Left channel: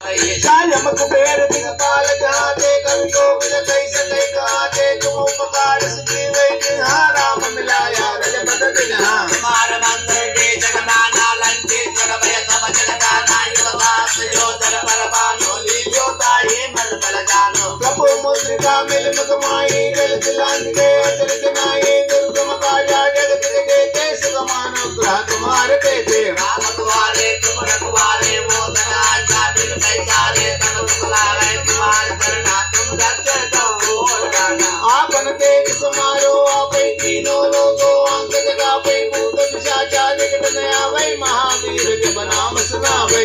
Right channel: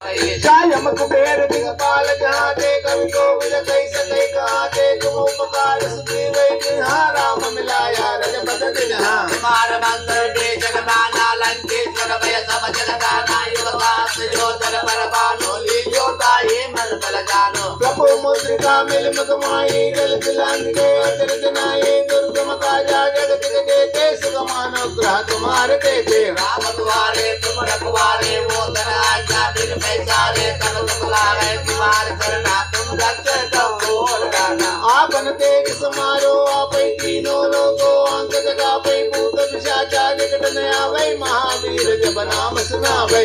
कायम कुबेर दिगपाल जहाते कवि गोविंद कैसे कई कहाते तुम उपकार सुखी वै जहाँ राम मिलाया रजपत जहाँ कुमार मंत्र के जगदाना लंके जगभय सब जगदाना युगवास जो दर परवानो लीजो ताये मन बल जानो प्रभु मुद्रिका मिल मुखमाई गल दिलान गए अचरज नाये दुर्गम काजा जगत के देते सुगमानो ग्रह तुम्हारे देते राम तुम्हारे तुम रखवारे मोदन आज्ञा बिन पैसारे तब तुमलावे तुम्हार करना तुम रख दो गाना आपन तेज समारो आपै तीनों लोगों अंग जगा पै भूत पिशाचा निकट न आवे महावीर जब नाम सुनावे।